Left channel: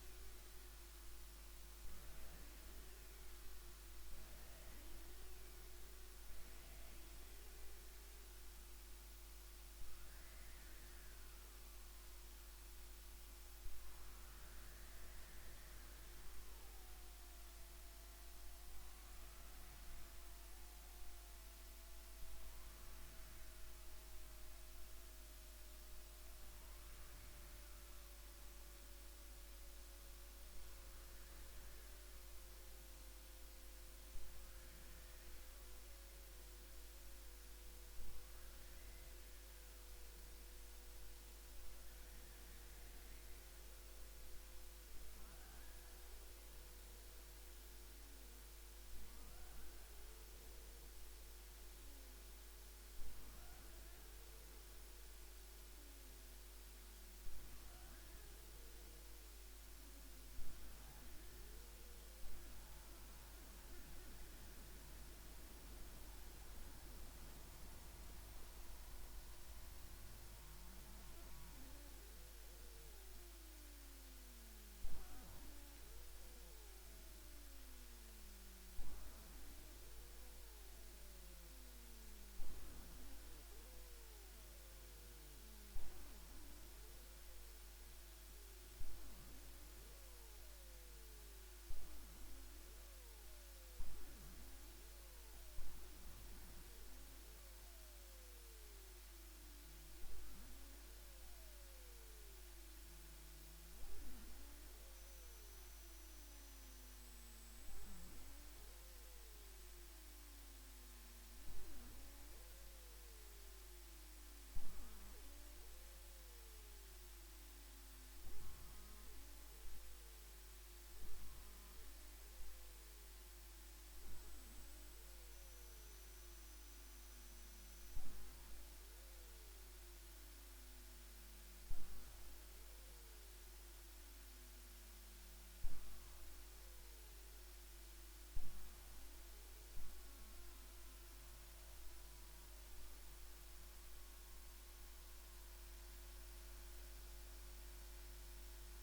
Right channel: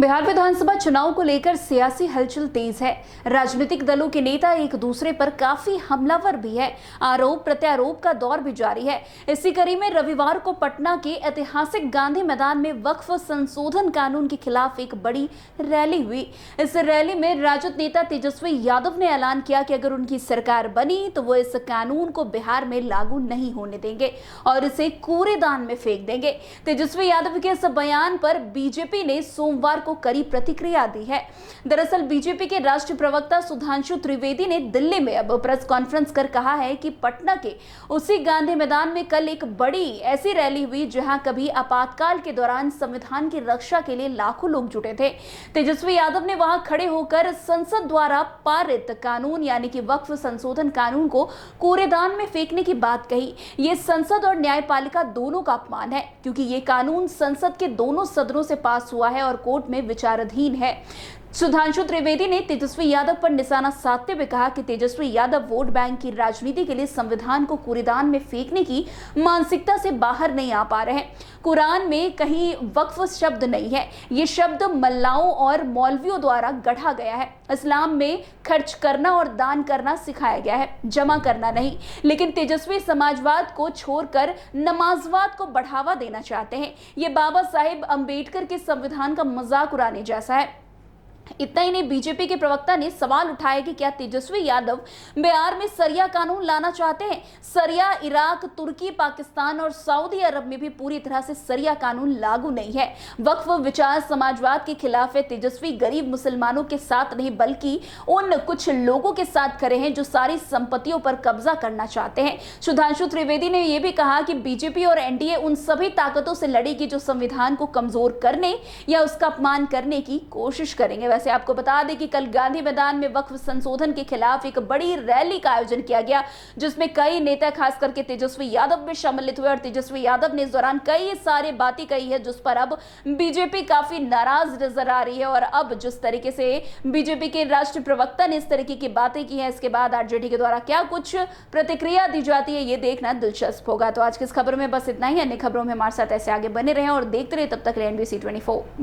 बिहार विधानसभा चुनाव को लेकर सियासी हलचल तेज है। राजनीतिक दलों के नेता एक दूसरे पर काफी हमलावर भी है। आरोप प्रत्यारोप का दौर भी जारी है। इसी कड़ी में रविवार को पटना के ऐतिहासिक गांधी मैदान में वक्फ संशोधन कानून के खिलाफ एक बड़ी रैली हुई। इस रैली में राजद नेता तेजस्वी यादव ने ऐलान किया कि अगर उनकी सरकार बनी तो वो इस कानून को बिहार में लागू नहीं होने देंगे और इसे कूड़ेदान में फेंक देंगे। तेजस्वी यादव के इस बयान पर बीजेपी ने सोमवार को कड़ी प्रतिक्रिया दी है। दरअसल बीजेपी के राष्ट्रीय प्रवक्ता सुधांशु त्रिवेदी ने दिल्ली में अब प्रेस कॉन्फ्रेंस कर कहा है कि पटना के उसी गांधी मैदान में कल एक बड़ी ऐसी रैली हुई जहां कभी आपातकाल के दौरान संविधान की रक्षा के लिए लाखों लोग जुटे थे। तेजस्वी यादव ने वहां खड़े होकर संसद द्वारा पारित कानून यानी कि वक्फ संशोधन कानून को कूड़ेदान में फेंकने की बात कही। ये संसद और न्यायपालिका दोनों का अपमान है क्योंकि ये कानून संसद के दोनों सदनों से पास हुआ है और कोर्ट में विचाराधीन है। सुधांशु त्रिवेदी ने तेजस्वी यादव पर निशाना साधते हुए कहा कि तेजस्वी यादव वोट बैंक की राजनीति के लिए संविधान को कूड़ेदान में फेंकने की मानसिकता से बाहर नहीं आ पा रहे हैं। कुरान में कहीं वक्फ शब्द नहीं है। ये शब्द मल्लाओं और मौलवियों द्वारा गढ़ा गया है। इस्लाम में खर्च करना और दान करना सिखाया गया है, जमा करना नहीं। लेकिन तेजस्वी समाजवाद को छोड़कर नमाजवाद को बढ़ावा देना चाहते हैं। ये बाबा साहेब अंबेडकर के संविधान का मजाक उड़ाने जैसा है। इतना ही नहीं, बीजेपी के प्रवक्ता ने सवाल उठाया कि क्या तेजस्वी यादव बिहार में सरिया कानून लाना चाहते हैं। सरिया इराक, तुर्की, पाकिस्तान और सऊदी अरब में भी पूरी तरह से सरिया कानून लागू नहीं है। वक्फ विचार समाजवाद के खिलाफ है। तेजस्वी गरीब मुसलमानों के साथ नहीं बल्कि उन कुछ लोगों के साथ खड़े हैं जो सारी संपत्तियों पर कब्जा करना चाहते हैं। सुधांशु त्रिवेदी ने यह भी कहा कि बीजेपी और एनडीए उन सभी ताकतों से लड़ेगी जो संविधान को कमजोर करने या उसका अपमान करने की कोशिश करेंगे। वैसे आपको बता दें कि कल गांधी मैदान में वक्फ संशोधन के खिलाफ एक बड़ी रैली का आयोजन किया गया जिसमें कई नेता खास करके तेजस्वी यादव भी सम्मिलित हुए और तेजस्वी यादव ने इस दौरान कई सारी बातें कही है जिस पर अब बीजेपी काफी नाराज नजर आ रही है। और अब जिस तरीके से बीजेपी के राष्ट्रीय प्रवक्ता ने इस तरीके की बातें की हैं, इसके बाद आरजेडी के द्वारा क्या कुछ प्रतिक्रिया दी जाती है ये देखना दिलचस्प होगा। तो आज की इस खबर में बस इतना ही। अन्य खबरों में हमारे साथ ऐसे आगे बने रहें और देखते रहे। तब तक एनबीसी 24।